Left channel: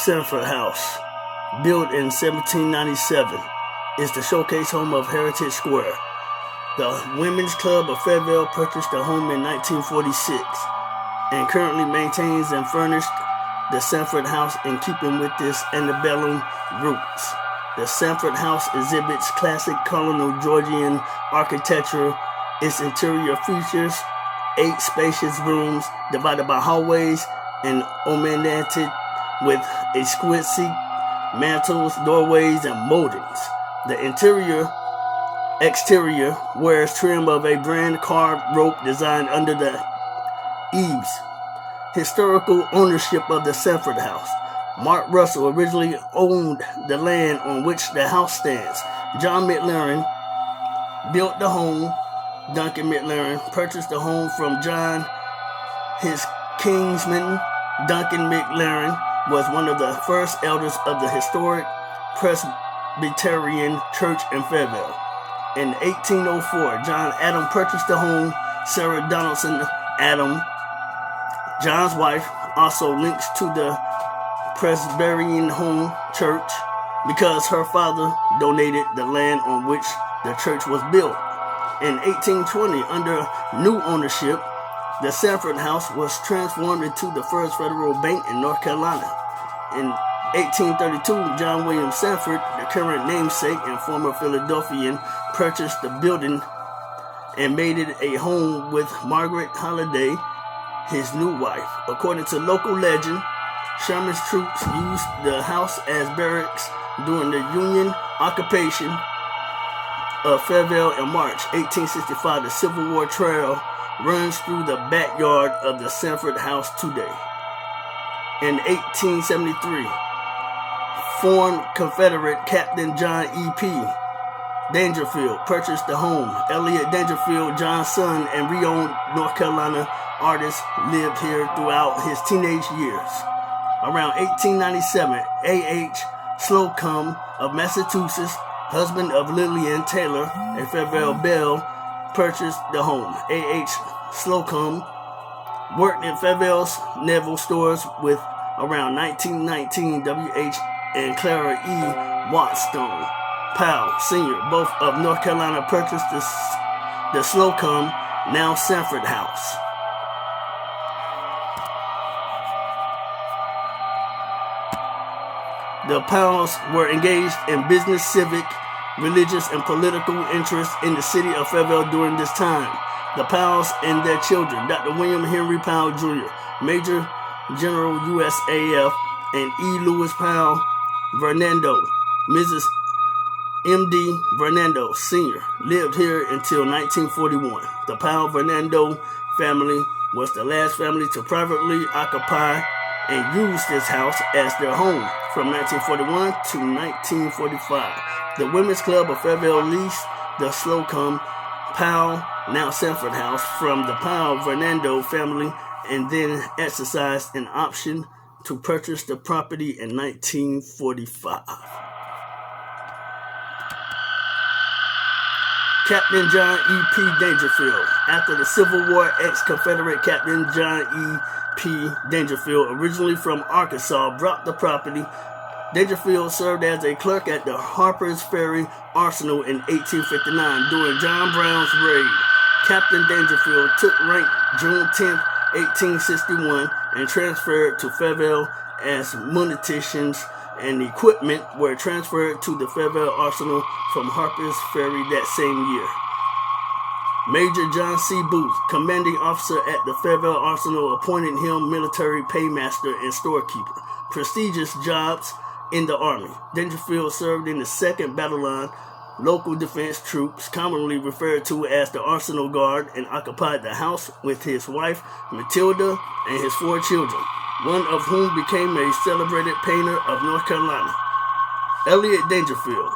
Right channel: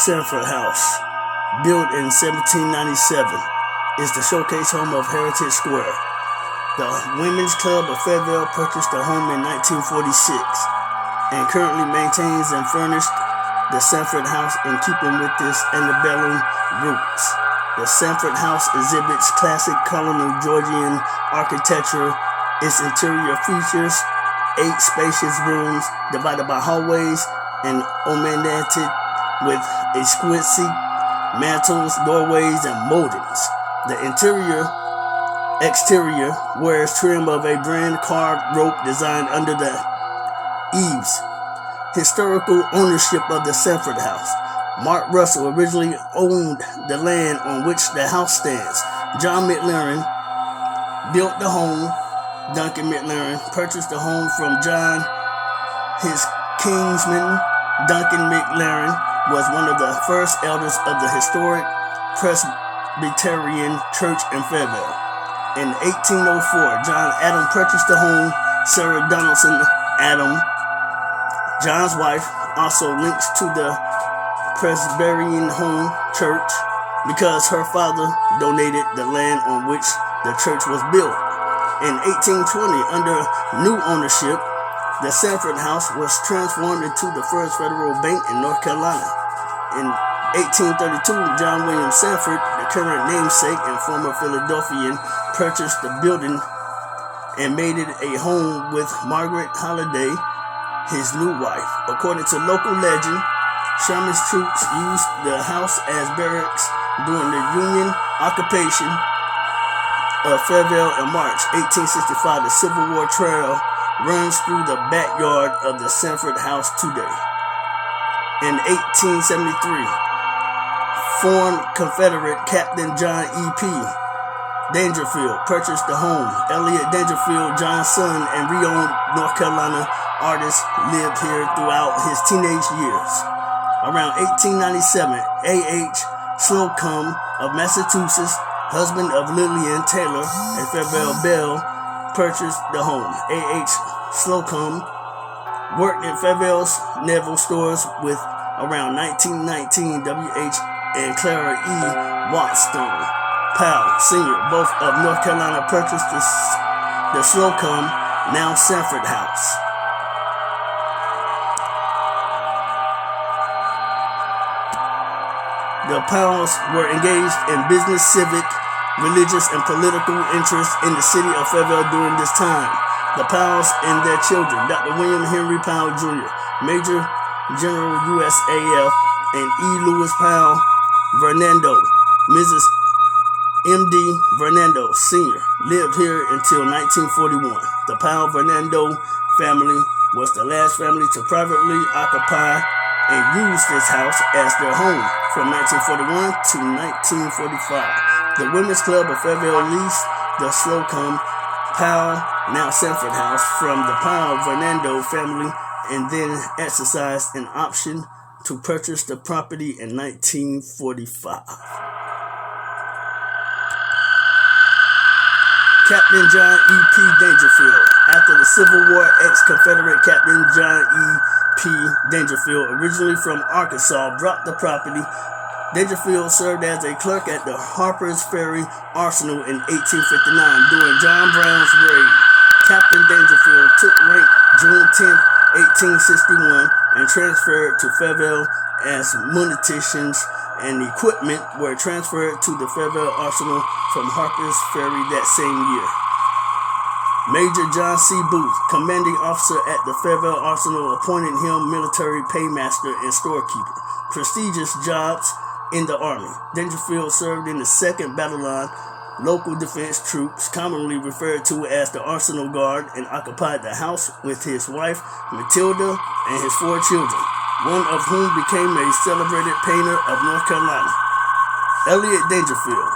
Sandford House, built in 1797, is the showcase home of Heritage Square. The Women's Club of Fairville purchased the home in 1946 and currently maintains and furnished the Sandford House in keeping with its antebellum roots. The Sandford House exhibits classic colonial Georgian architecture. Its interior features 8 spacious rooms divided by hallways and ornamented with exquisite mantels, doorways, and moldings. The exterior wears trim of a brand carved rope designed under the eaves. Historical ownership of the Sandford House. Mark Russell originally owned the land on which the house stands. John McLaren built the home. Duncan McLaren purchased the home from John. His kinsman, Duncan McLaren, was one of the first elders of the historic Presbyterian Church in Fairville. In 1804, John Adam purchased the home. Sarah Donaldson Adam, John's wife, also links to the Presbyterian Home Church because her father donated the land on which the church was built. In 1820, under new ownership, the Sandford House was transformed into the First Federal Bank in North Carolina. In 1832, John William Sandford, the current namesake and former Philadelphian, purchased the building and made it a home with Margaret Holliday, his new wife. According to local legend, Sherman's troops used the house as barracks during the Union occupation of Fairville in March 1865. The Civil War Trail runs through the backyard of the Sandford House today. In 1873, former Confederate Captain John E.P. Dangerfield purchased the home. Elliott Dangerfield, John's son and renowned North Carolina artist, lived here throughout his teenage years. Around 1897, A.H. Slocum of Massachusetts, husband of Lillian Taylor, a Fairville belle, purchased the home. A.H. Slocum worked in Fairville's naval stores with around 1919 W.H. and Clara E. Watson Powell, Sr., both of North Carolina, purchased the Slocum, now Sandford House. The Powells were engaged in business, civic, religious, and political interests in the city of Fairville during this time. The Powells and their children, Dr. William Henry Powell Jr., Major General USAF, and E. Lewis Powell Vernando, Mrs. M.D. Vernando Sr., lived here until 1941. The Powell Vernando family was the last family to privately occupy and use this house as their home from 1941 to 1945. The Women's Club of Fairville leased the Slocum Powell, now Sandford House, from the Powell Vernando family and then exercised an option to purchase the property in 1945. Captain John E.P. Dangerfield. After the Civil War, ex-Confederate Captain John E.P. Dangerfield, originally from Arkansas, bought the property. Dangerfield served as a clerk at the Harper's Ferry Arsenal in 1859 during John Brown's raid. Captain Dangerfield took rank June 10, 1861, and transferred to Fairville as munitions and equipment were transferred to the Fairville Arsenal from Harper's Ferry that same year. Major John C. Booth, commanding officer at the Fairville Arsenal, appointed him military paymaster and storekeeper, prestigious jobs in the Army. Dangerfield served in the 2nd Battalion, local defense troops, commonly referred to as the Arsenal Guard, and occupied the house with his wife, Matilda, and his 4 children, one of whom became a celebrated painter of North Carolina. Elliott Dangerfield.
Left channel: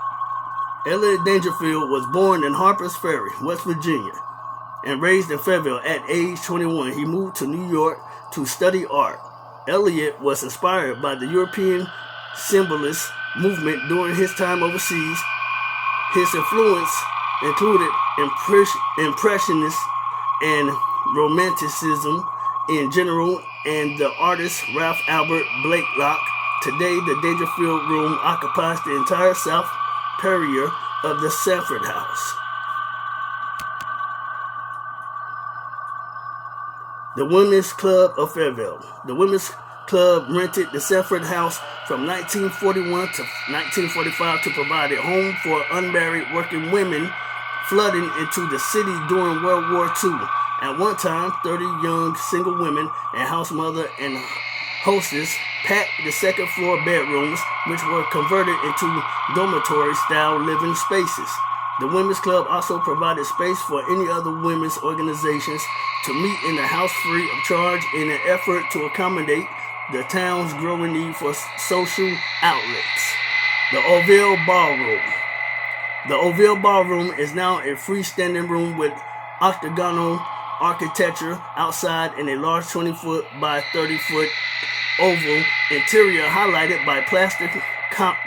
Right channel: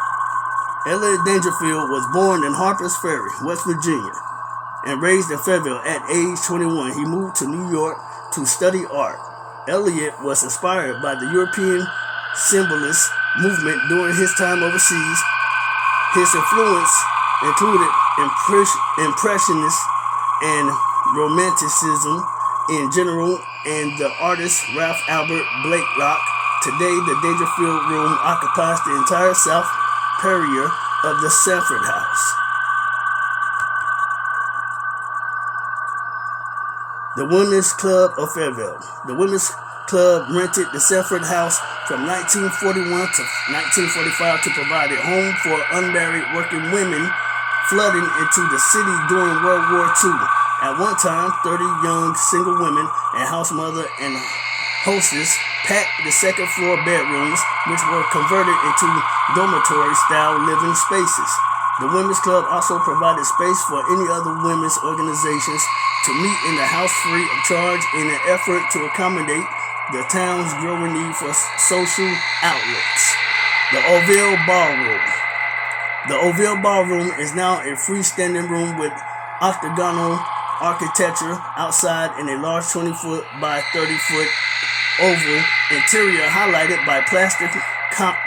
Elliott Dangerfield was born in Harper's Ferry, West Virginia, and raised in Fairville. At age 21, he moved to New York to study art. Elliott was inspired by the European Symbolist movement during his time overseas. His influence included Impressionism and Romanticism in general, and the artists Ralph Albert Blakelock, Today, the Dangerfield room occupies the entire south perimeter of the Sandford house. The Women's Club of Fairville. The Women's Club rented the Sandford house from 1941 to 1945 to provide a home for unmarried working women flooding into the city during World War II. At one time, 30 young single women, a house mother, and hostess packed the second floor bedrooms, which were converted into dormitory-style living spaces. The Women's Club also provided space for any other women's organizations to meet in the house free of charge in an effort to accommodate the town's growing need for social outlets. The Fairville Ballroom. The Fairville Ballroom is now a freestanding room with octagonal architecture outside and a large 20-foot by 30-foot oval interior highlighted by plaster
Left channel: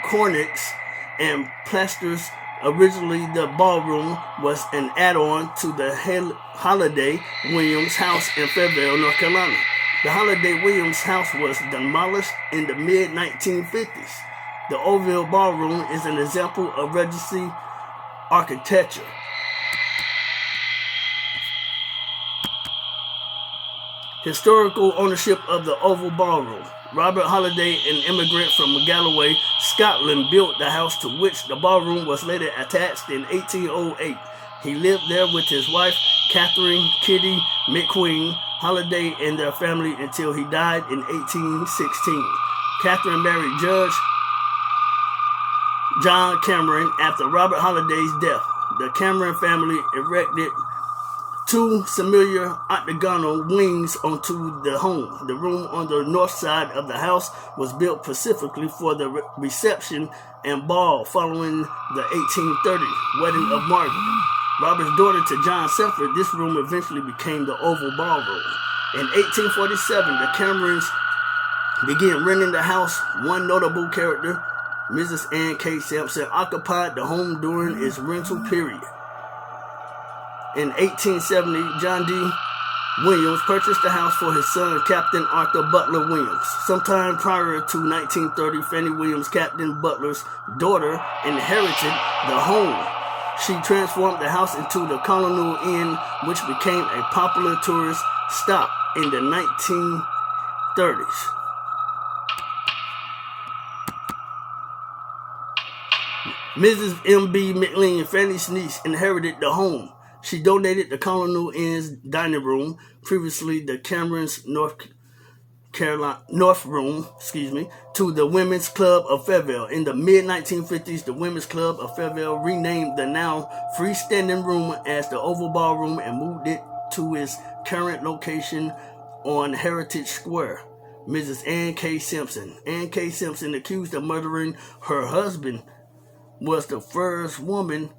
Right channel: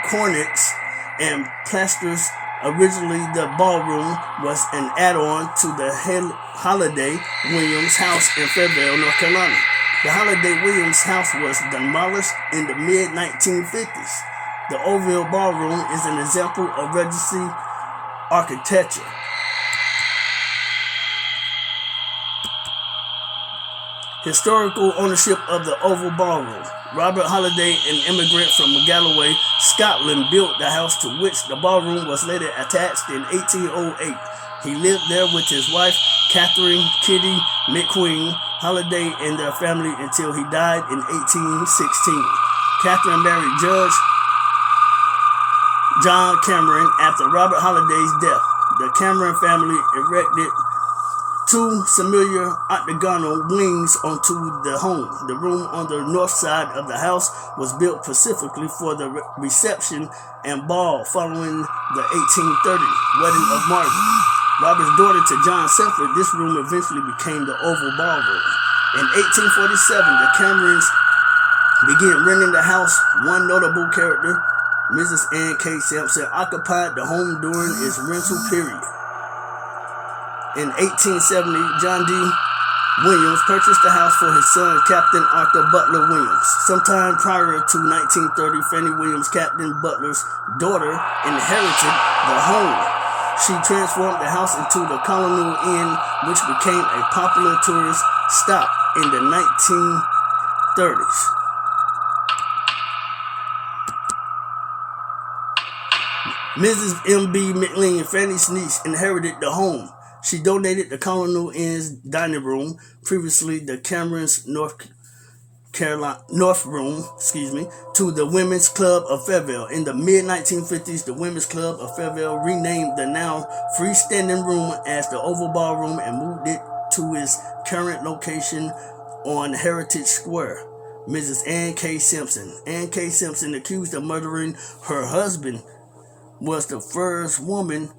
cornices and plasters. Originally, the ballroom was an add-on to the Holiday Williams House in Fairville, North Carolina. The Holiday Williams House was demolished in the mid-1950s. The Fairville Ballroom is an example of Regency architecture. Historical ownership of the Oval Ballroom. Robert Holiday, an immigrant from Galloway, Scotland, built the house to which the ballroom was later attached in 1808. He lived there with his wife, Catherine Kitty McQueen Holiday, and their family until he died in 1816. Catherine married Judge John Cameron after Robert Holiday's death. The Cameron family erected two similar octagonal wings onto the home. The room on the north side of the house was built specifically for the reception and ball following the 1830 wedding of Margaret, Robert's daughter, to John Semford. This room eventually became the Oval Ballroom. In 1847, the Camerons began renting the house. One notable character, Mrs. Ann K. Sampson, occupied the home during its rental period. In 1870, John D. Williams purchased the house for his son, Captain Arthur Butler Williams. Sometime prior to 1930, Fanny Williams, Captain Butler's daughter, inherited the home. She transformed the house into the Colonial Inn, which became a popular tourist stop in the 1930s. Mrs. M.B. McLean, Fanny's niece, inherited the home. She donated the Colonial Inn's dining room, previously the Cameron's North Room, to the Women's Club of Fairville. In the mid-1950s, the Women's Club of Fairville renamed the now freestanding room as the Oval Ballroom and moved it to its current location on Heritage Square. Mrs. Ann K. Simpson. Ann K. Simpson, accused of murdering her husband, was the first woman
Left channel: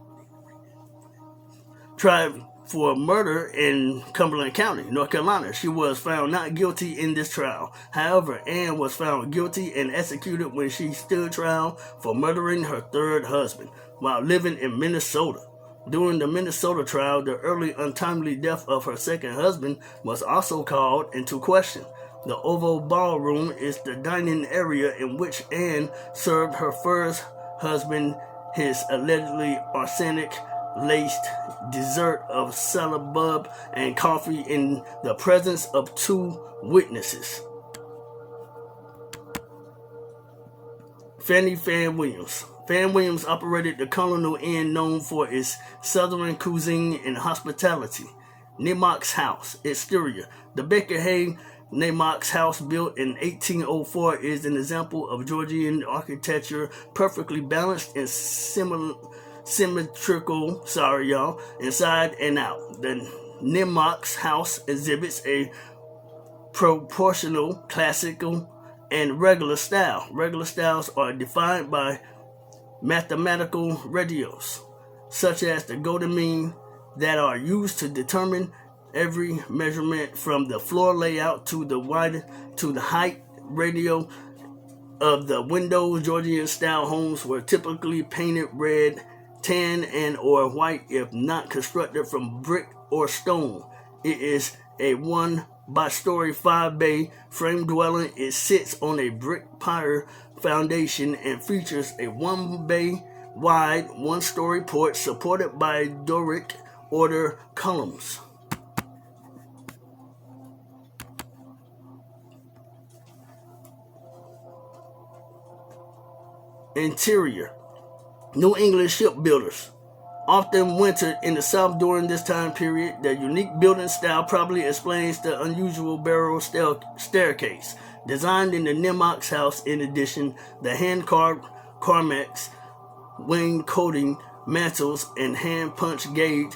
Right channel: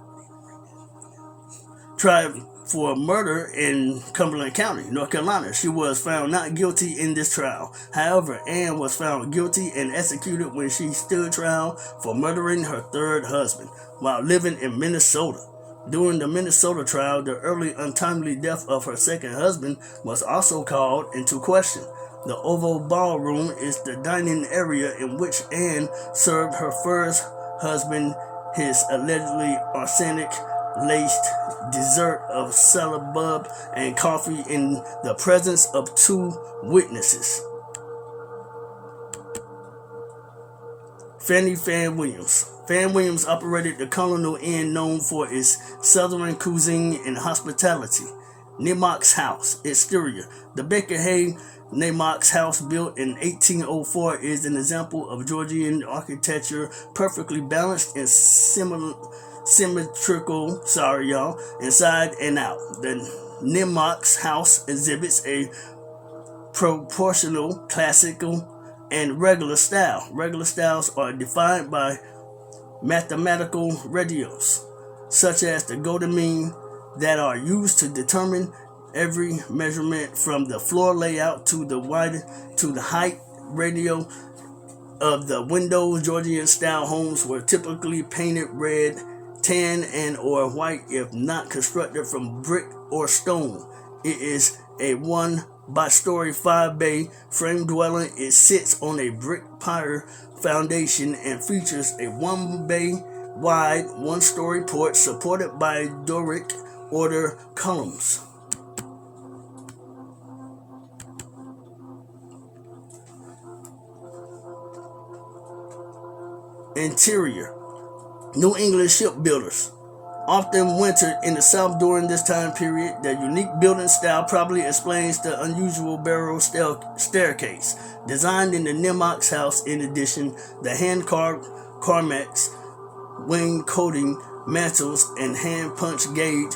tried for murder in Cumberland County, North Carolina. She was found not guilty in this trial. However, Ann was found guilty and executed when she stood trial for murdering her third husband while living in Minnesota. During the Minnesota trial, the early untimely death of her second husband was also called into question. The Oval Ballroom is the dining area in which Ann served her first husband his allegedly arsenic-laced dessert of salad and coffee in the presence of two witnesses. Fanny Fan Williams. Fan Williams operated the Colonial Inn, known for its southern cuisine and hospitality. Nemox House. Exterior. The Baker Hay Nemox House, built in 1804, is an example of Georgian architecture, perfectly balanced and symmetrical, inside and out. The Nemox House exhibits a proportional, classical, and regular style. Regular styles are defined by mathematical ratios, such as the golden mean, that are used to determine every measurement from the floor layout to the height ratio of the windows. Georgian style homes were typically painted red, tan, and or white if not constructed from brick or stone. It is a 1-story 5-bay frame dwelling. It sits on a brick foundation and features a 1-bay wide, 1-story porch supported by Doric order columns. Interior. New England shipbuilders often wintered in the South during this time period. Their unique building style probably explains the unusual barrel staircase designed in the Nemox house. In addition, the hand-carved Carmex wing coating mantles and hand-punch gauge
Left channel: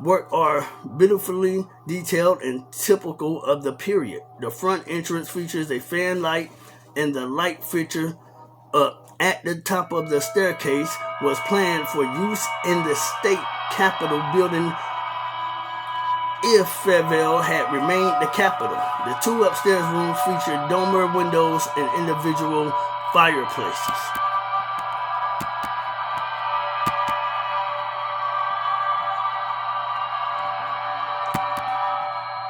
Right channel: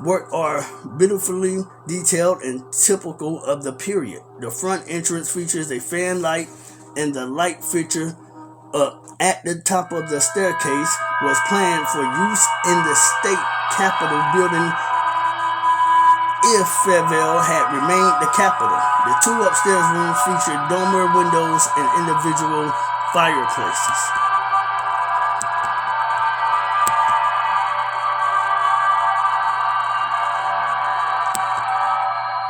work are beautifully detailed and typical of the period. The front entrance features a fan light, and the light fixture at the top of the staircase was planned for use in the state capitol building if Fairville had remained the capital. The 2 upstairs rooms featured dormer windows and individual fireplaces.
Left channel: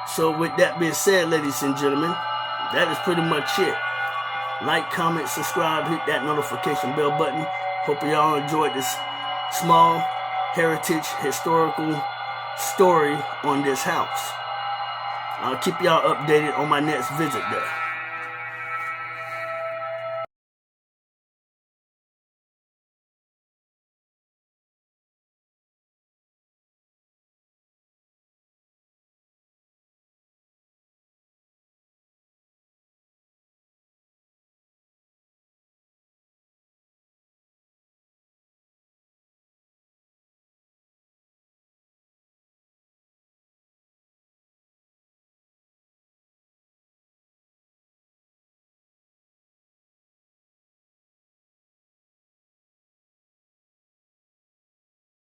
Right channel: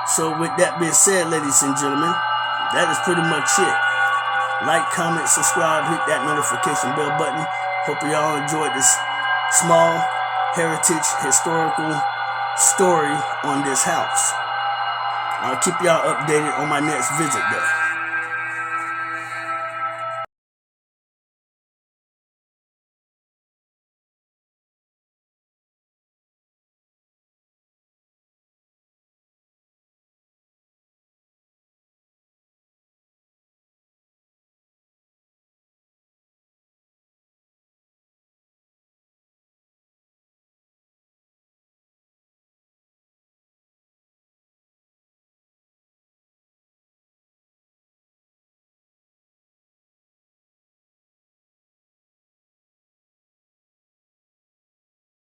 So with that being said, ladies and gentlemen, that is pretty much it. Like, comment, subscribe, hit that notification bell button. Hope y'all enjoyed this small heritage historical story on this house. I'll keep y'all updated on my next visit there.